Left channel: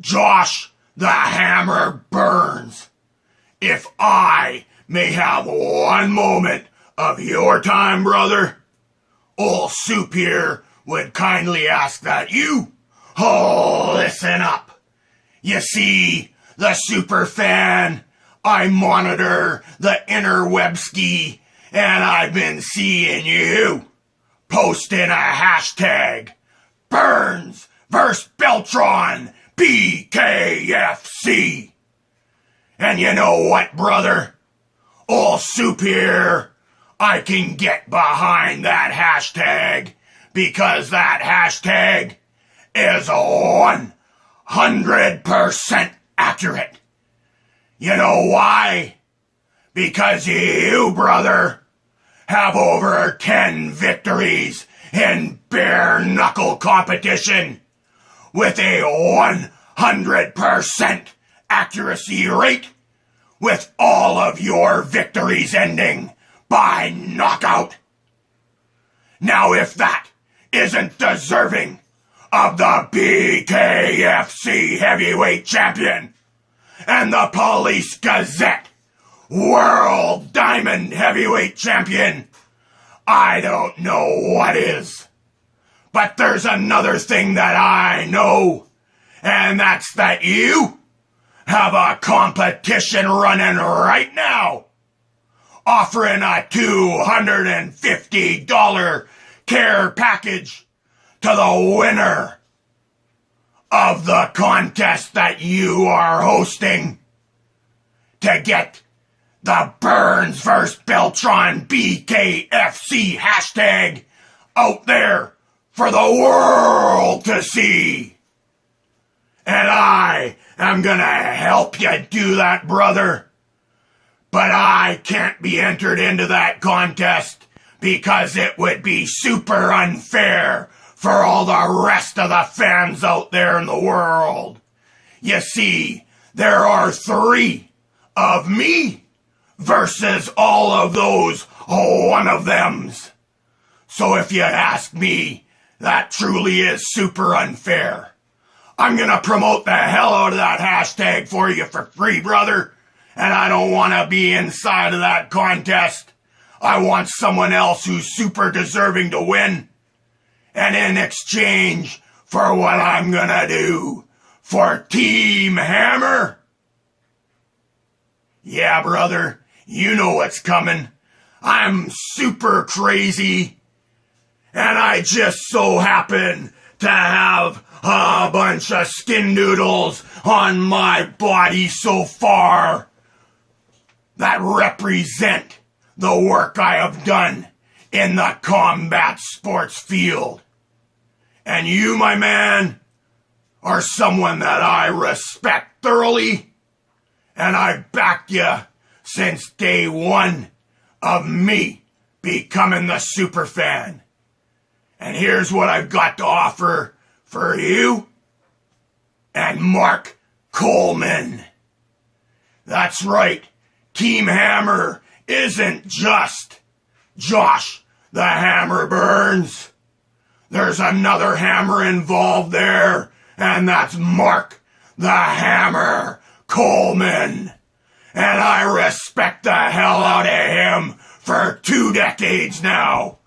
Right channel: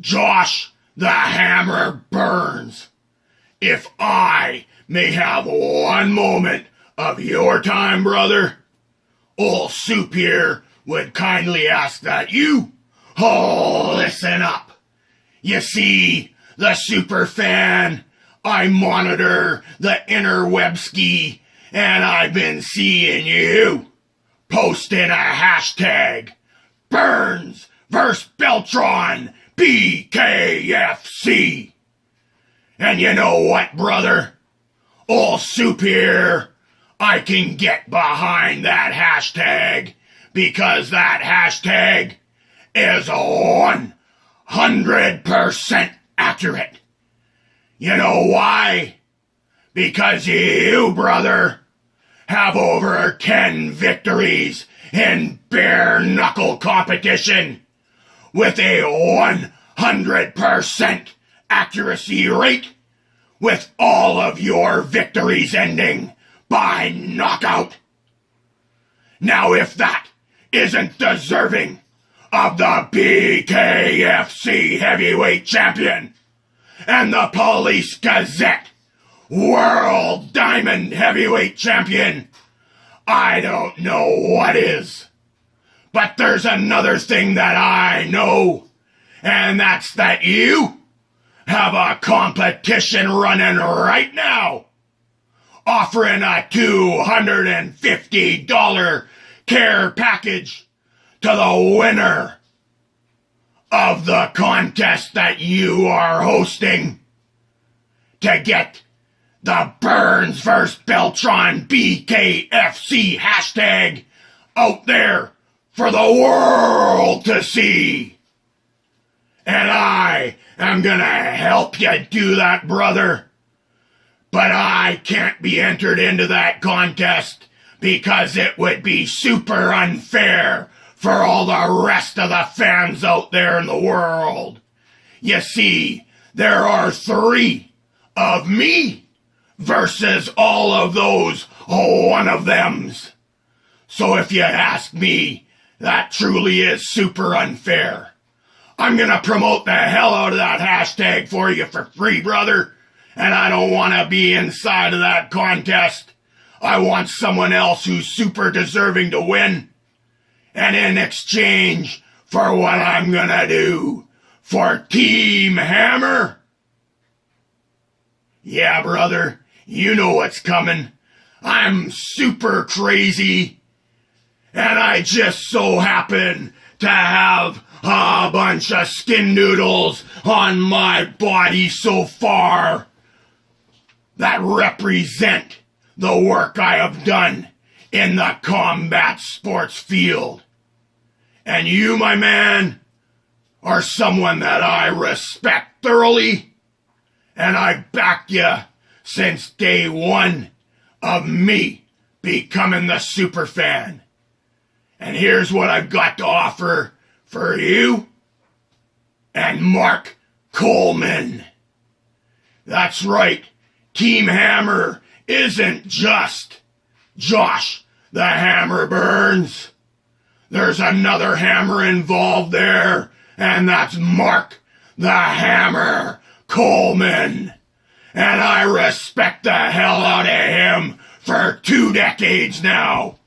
Josh the Hammer Burns, if I may have one moment of your time, brother, old Soup here would kindly ask that you listen up. You see, the super fan, I monitor the interwebski, and I've been seeing you posting a hashtag Burns vs. Beltron BKFC. And you know what, brother? Old Soup here, I can get behind that hashtag because that hashtag is 100% accurate. You know why? Because you, brother, have over 10 victories in bare-knuckle competition with a 100% accuracy rate, with all of your victories ending by knockout. Now, if that isn't deserving of the BKFC Heavyweight Champion and the Police Gazette World Diamond Heavyweight Champion, I don't know what is. But there's another thing that I know, and that's that you have a competition running right now, offering a $250 care package to the winner of the contest that you are hosting to get the Burns vs. Beltron BKFC hashtag out there for the world to see. And I am gonna help you do that, brother. But I can't be entered into that contest because it would be super unfair for all the rest of the fans out there in the world. You see, there are 3 of me versus all of those one of thems. So if you ask me, that truly is super unfair. I'm gonna promote the hell out of that hashtag for you for free, brother. And I don't want to be inside of that contest. I want someone else who's super deserving to win. And in exchange for what I'm gonna do for Team Hammer, yeah, brother, you know what's coming. I'm super crazy. And I just so happen to have a bunch of skin noodles on my body so far that represent the work I have done in the combat sports field. And you, my man, are someone that I respect thoroughly, and I backed you since day one of me becoming the super fan. And here's what I've got to offer for you and Mark Coleman. That's right. Team Hammer isn't just Josh the Hammer Burns. There's another Hammer involved there, and that's Mark the Hammer Coleman. And I respect the hell out of him for 2 decades now.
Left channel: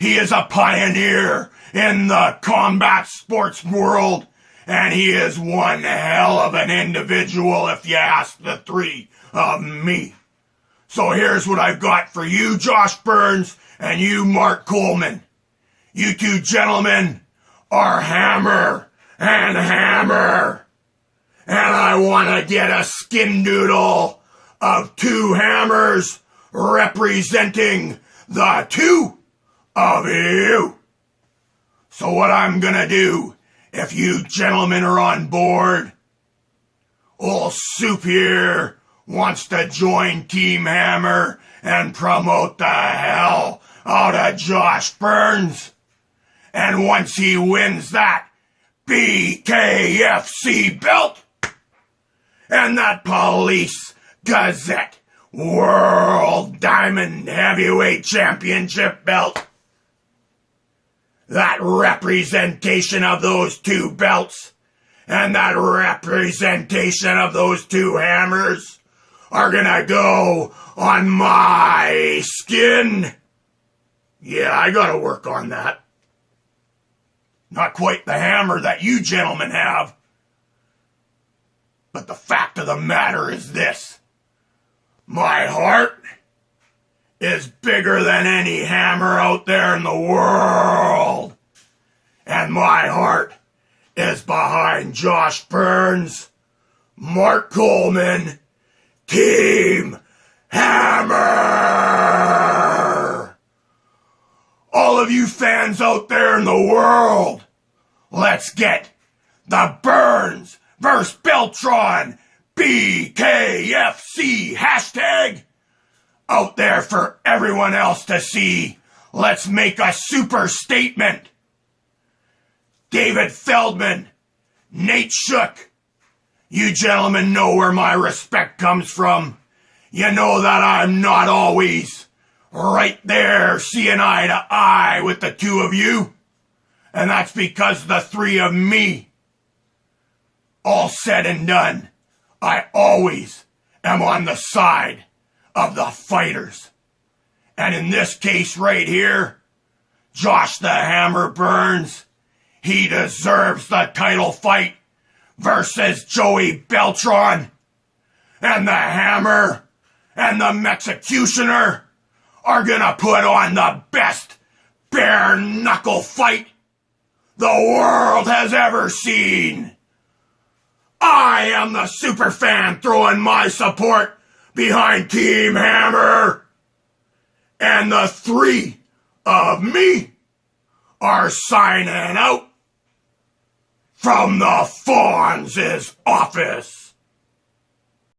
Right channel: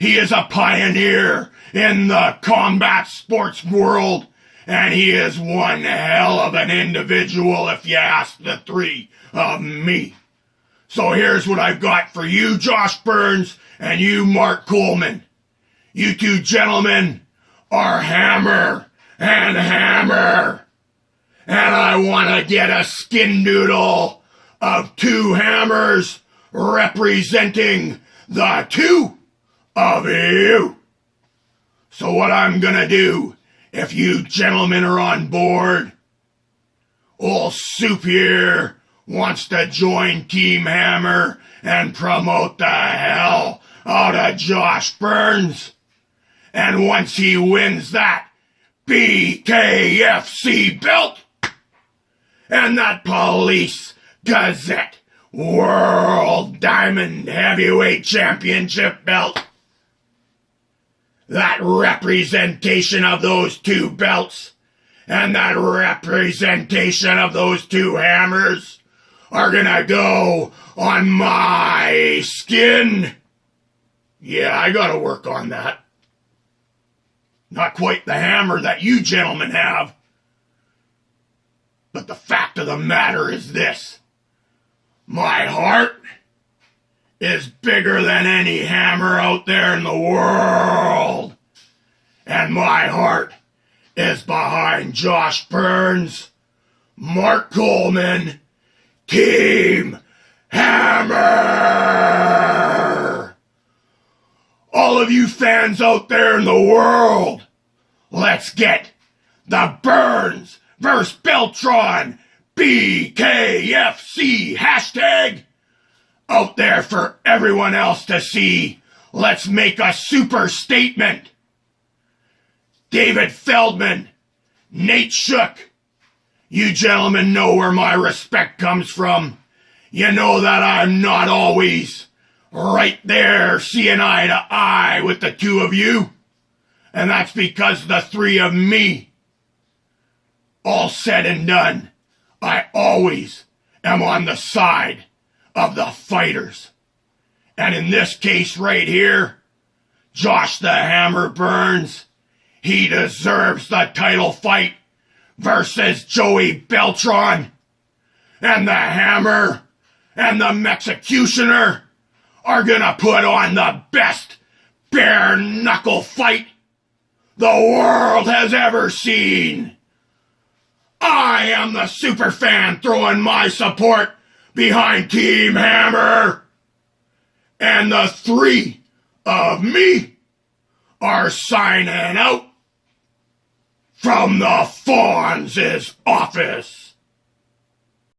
He is a pioneer in the combat sports world, and he is one hell of an individual if you ask the 3 of me. So here's what I've got for you, Josh Burns, and you, Mark Coleman. You 2 gentlemen are Hammer and Hammer. And I want to get a skin doodle of 2 hammers representing the 2 of you. So what I'm gonna do, if you gentlemen are on board, old Soup here wants to join Team Hammer and promote the hell out of Josh Burns. And once he wins that BKFC belt and that Police Gazette World Diamond Heavyweight Championship belt, that representation of those 2 belts and that representation of those two hammers are gonna go on my skin. Yeah, I gotta work on that. Not quite the hammer that you gentlemen have. But the fact of the matter is this. My heart is bigger than any hammer out there in the world. And my heart is behind Josh Burns, Mark Coleman, Team Hammer! All of you fans out there in the world, let's get the Burns versus Beltron BKFC hashtag out there for everyone else to see. Let's make a super statement. David Feldman, Nate Shook, you gentlemen know where my respect comes from. You know that I'm not always right there seeing eye to eye with the two of you. And that's because the three of me, all said and done, I always am on the side of the fighters. And in this case right here, Josh the Hammer Burns, he deserves the title fight versus Joey Beltron. And the Hammer and the Mexicutioner are gonna put on the best bare knuckle fight the world has ever seen. I am the super fan throwing my support behind Team Hammer. And the three of me are signing out from the Fonz's office.